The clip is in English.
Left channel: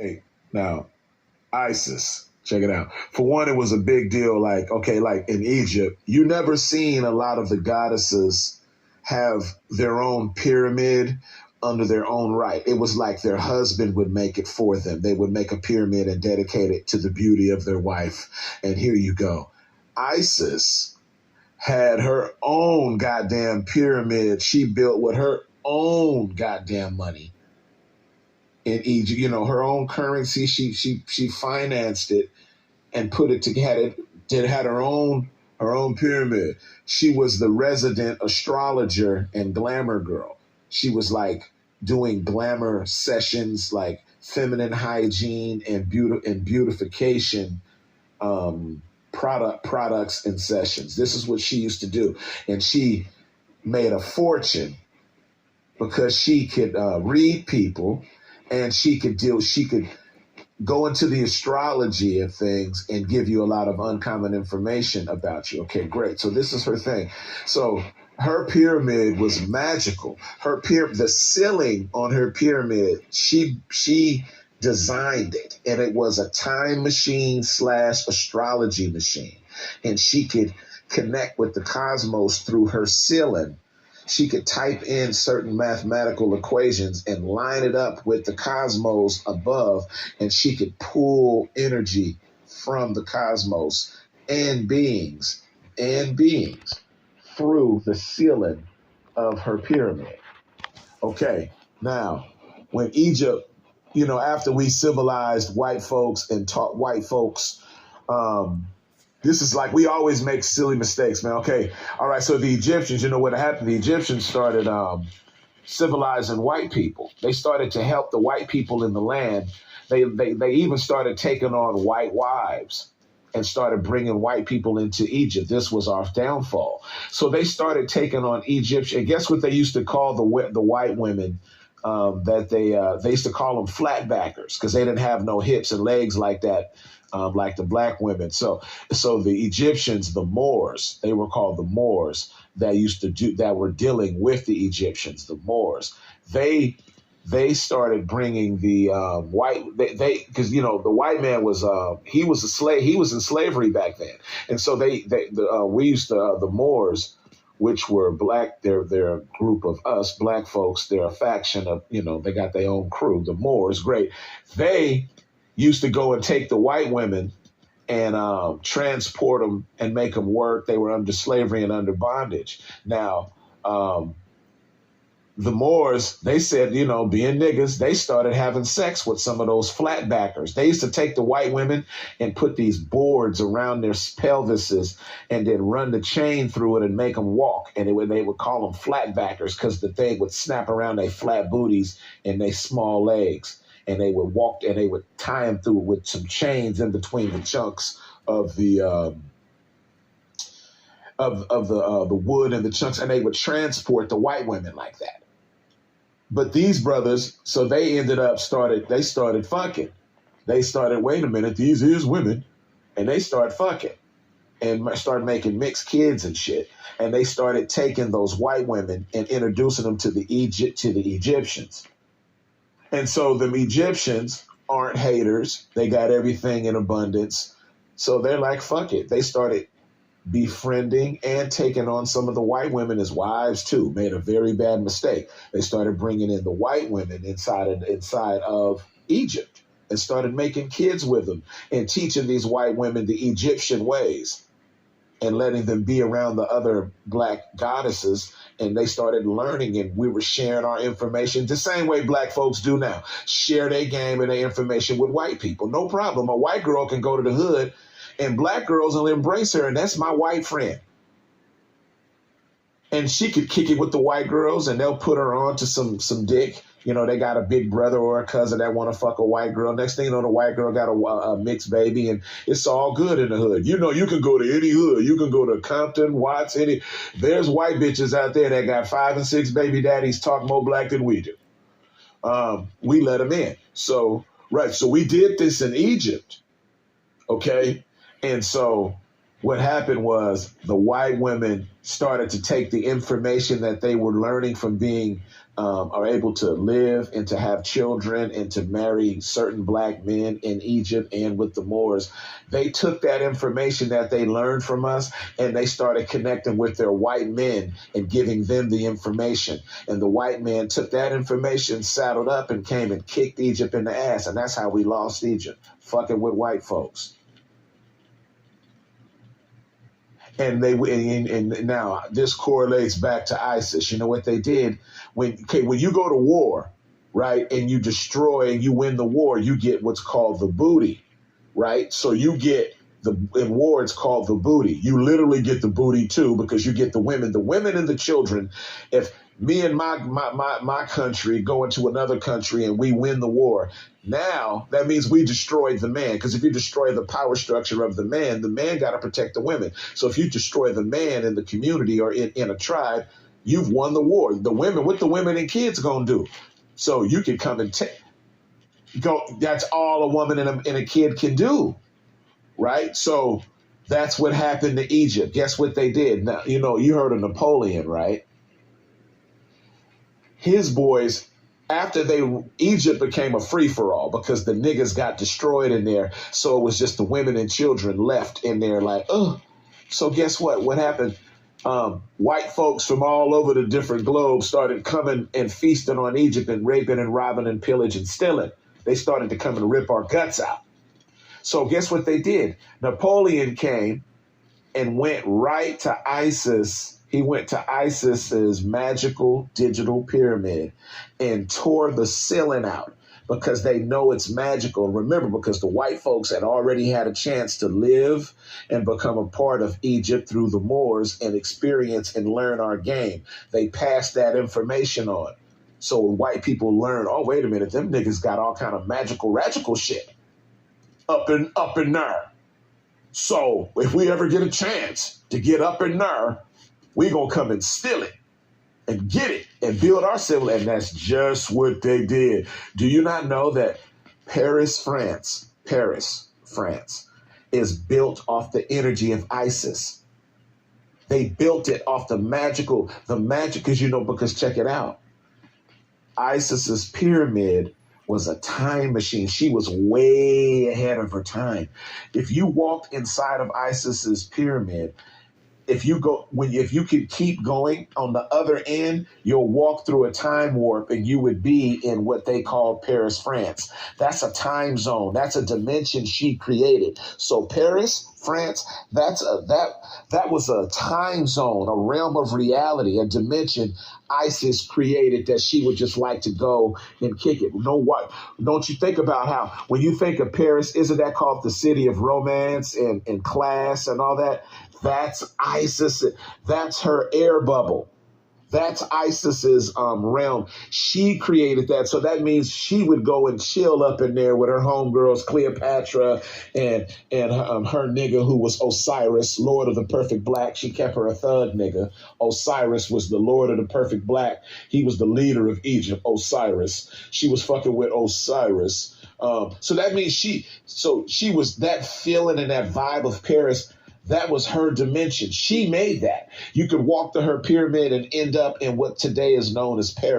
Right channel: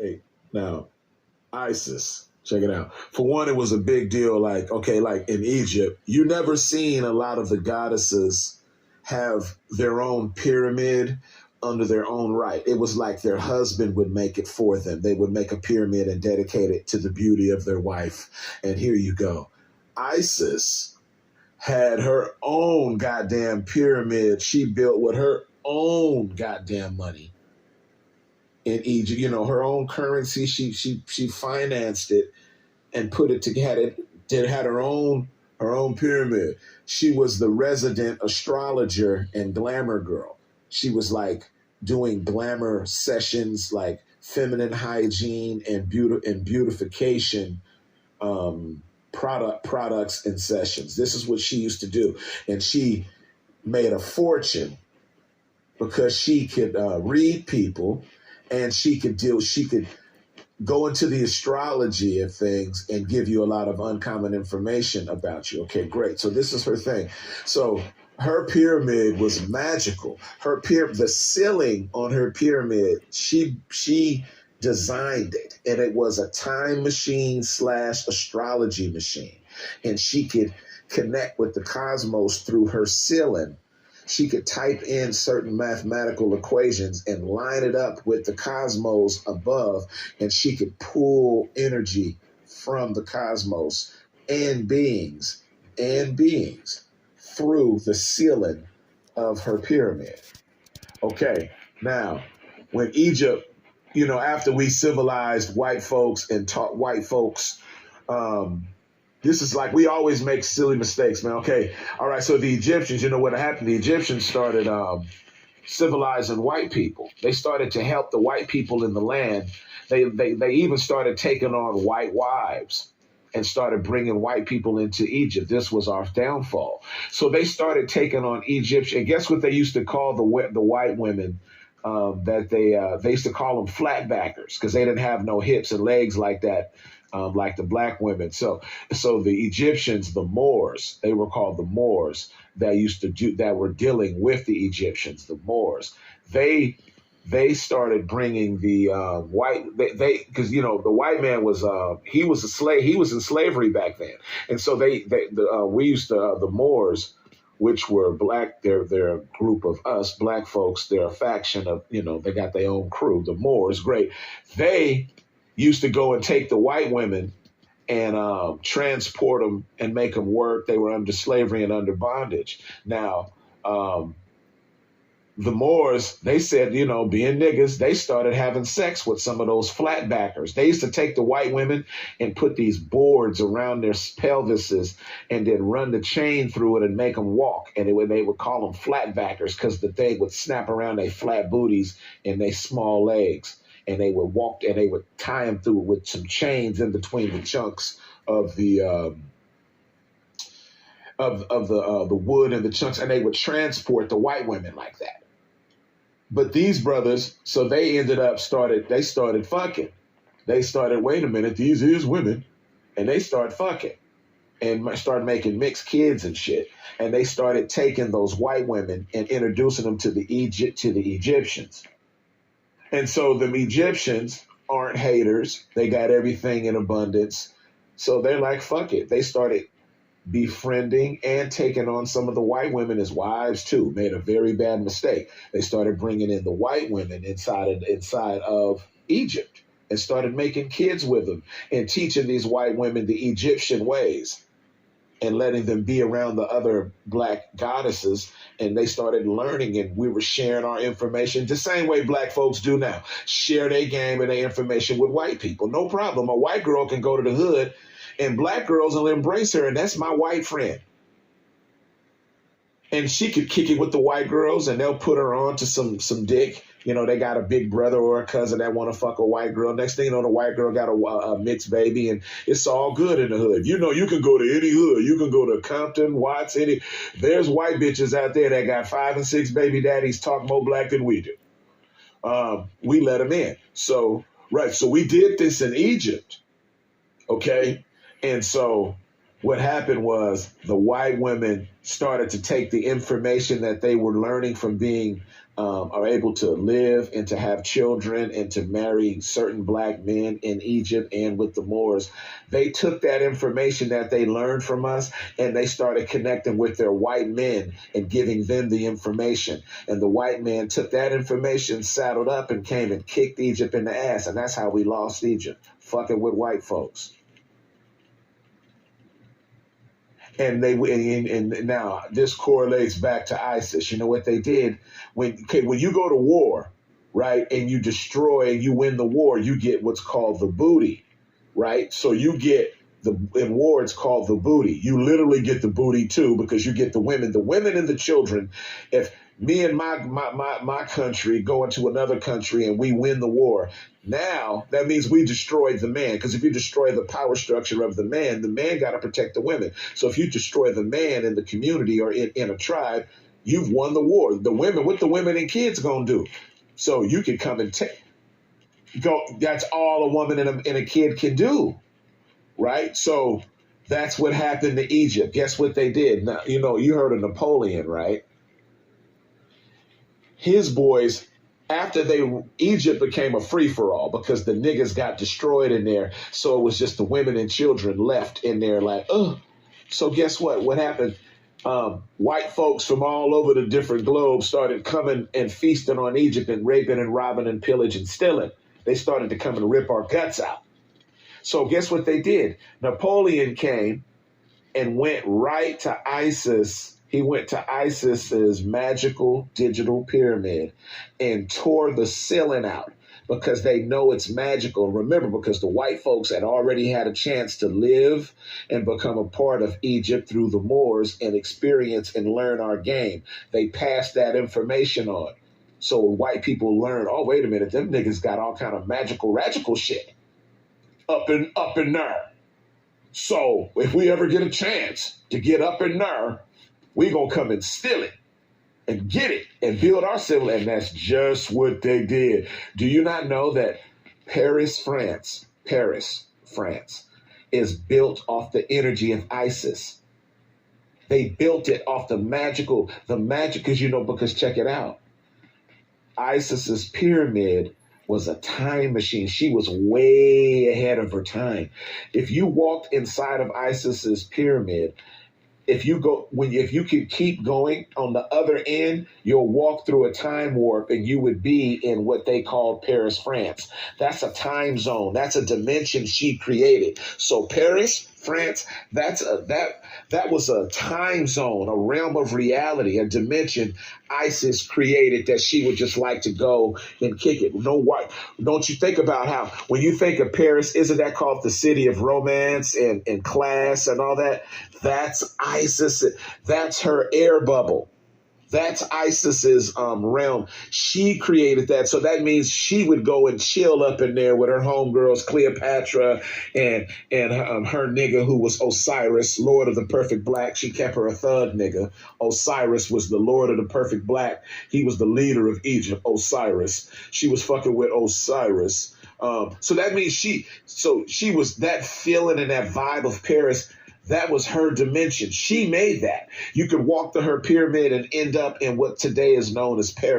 Hey, now ISIS. Check it out. For one, it was a big deal. Like, okay, like in Egypt, you never seen a lot of the goddesses have their own pyramid under their own right. It was like their husband would make it for them. They would make a pyramid and dedicate it to the beauty of their wife. And here you go. Isis had her own goddamn pyramid she built with her own goddamn money in Egypt. You know, her own currency. She financed it and put it together. Had her own pyramid. She was the resident astrologer and glamour girl. She was like doing glamour sessions, like feminine hygiene and beautification products and sessions. This is what she used to do, and she made a fortune because she could read people, and she could go into the astrology of things and give you a lot of uncommon information about you. Okay, great. So this is her thing. So her pyramid was magical. The ceiling on her pyramid, she designed it, and it was a time machine / astrology machine. And she could connect with the cosmos through her ceiling. She could type in certain mathematical equations and line it up with the cosmos above, and she could pull energy from the cosmos and beings through the ceiling of her pyramid. Okay, now, when Egypt, you know, after we civilized white folks and taught white folks, this is like, we always make silly mistakes, man. Okay, all right, so the Egyptians, you know what happened? The Egyptians started civilizing white people. They started to help the white people in the land. They even started taking on white wives and started bringing white people into Egypt. This was our downfall. So they started taking on Egypt. And guess what they used to call the white women? They used to call them flatbackers because they didn't have no hips and legs like that. Like the black women. So the Egyptians, the Moors, they were called the Moors that were dealing with the Egyptians, the Moors. They started bringing the white, because, you know, the white man was, he was a slave, he was in slavery back then. And so we used to, the Moors, which were black, they're a group of us black folks, they're a faction of, you know, they got their own crew, the Moors, great. They used to go and take the white women and transport them and make them work. They were under slavery and under bondage. Now, the Moors, they said, you know, being niggas, they started having sex with some of those flatbackers. They used to take the white women and put these boards around their pelvises and then run the chain through it and make them walk. And they would call them flatbackers because the thing would snap around their flat booties and their small legs. And they would walk, and they would tie them through with some chains in between the chunks of the wood and the chunks, and they would transport the white women like that. But these brothers, so they started fucking. They started, wait a minute, these is women, and they started fucking and started making mixed kids and shit. And they started taking those white women and introducing them to the Egyptians. And so the Egyptians aren't haters. They got everything in abundance. So they're like, fuck it. They started befriending and taking on some of the white women as wives too. Made a very bad mistake. They started bringing in the white women inside of Egypt and started making kids with them and teaching these white women the Egyptian ways and letting them be around the other black goddesses. And they started learning, and we were sharing our information the same way black folks do now. Share their game and their information with white people. No problem. A white girl can go to the hood and black girls will embrace her, and that's my white friend. And she could kick it with the white girls, and they'll put her on to some dick. You know, they got a big brother or a cousin that want to fuck a white girl. Next thing you know, the white girl got a mixed baby, and it's all good in the hood. You know, you can go to any hood. You can go to Compton, Watts, there's white bitches out there that got 5 and 6 baby daddies, talk more black than we do. We let them in. So we did this in Egypt, okay? And so what happened was the white women started to take the information that they were learning from being are able to live and to have children and to marry certain black men in Egypt and with the Moors, they took that information that they learned from us and they started connecting with their white men and giving them the information. And the white men took that information, saddled up, and came and kicked Egypt in the ass. And that's how we lost Egypt, fucking with white folks. And now this correlates back to ISIS. You know what they did? When you go to war, right, and you destroy and you win the war, you get what's called the booty, right? So you get in war, it's called the booty. You literally get the booty too, because you get the women and the children. If me and my country go into another country and we win the war, now that means we destroyed the man. Because if you destroy the power structure of the man got to protect the women. So if you destroy the man in the community or in a tribe, you've won the war. The women, what the women and kids gonna do? So you can come and go. That's all a woman and a kid can do, right? So that's what happened to Egypt. Guess what they did? Now, you heard of Napoleon, right? His boys, after Egypt became a free-for-all because the niggas got destroyed in there. So it was just the women and children left in there like, oh. So guess what? What happened? White folks from all over the different globes started coming and feasting on Egypt and raping and robbing and pillaging and stealing. They started to come and rip our guts out. So guess what they did? Napoleon came and went right to ISIS. He went to ISIS's magical digital pyramid and tore the ceiling out because they know it's magical. Remember, because the white folks had already had a chance to live and become a part of Egypt through the Moors and experience and learn our game. They passed that information on. So white people learn, oh, wait a minute, them niggas got all kind of radical shit up in there. So if we ever get a chance to get up in there, we gonna come and steal it and get it and build our civil. And that's just what they did. Do you not know that Paris, France is built off the energy of ISIS? They built it off the magic, because check it out. ISIS's pyramid was a time machine. She was way ahead of her time. If you walked inside of ISIS's pyramid, if you could keep going on the other end, you'll walk through a time warp and you would be in what they call Paris, France. That's a time zone. That's a dimension she created. So Paris, France, that was a time zone, a realm of reality, a dimension ISIS created that she would just like to go and kick it. Don't you think about how when you think of Paris, isn't that called the city of romance and class and all that? That's ISIS. That's her air bubble. That's ISIS's realm. She created that. So that means she would go and chill up in there with her homegirls, Cleopatra and her nigga who was Osiris, Lord of the Perfect Black. She kept her a thug nigga. Osiris was the Lord of the Perfect Black. He was the leader of Egypt, Osiris. She was fucking with Osiris. So that means she was that feeling and that vibe of Paris. That was her dimension. She made that. You could walk to her pyramid and end up in what today is known as Paris.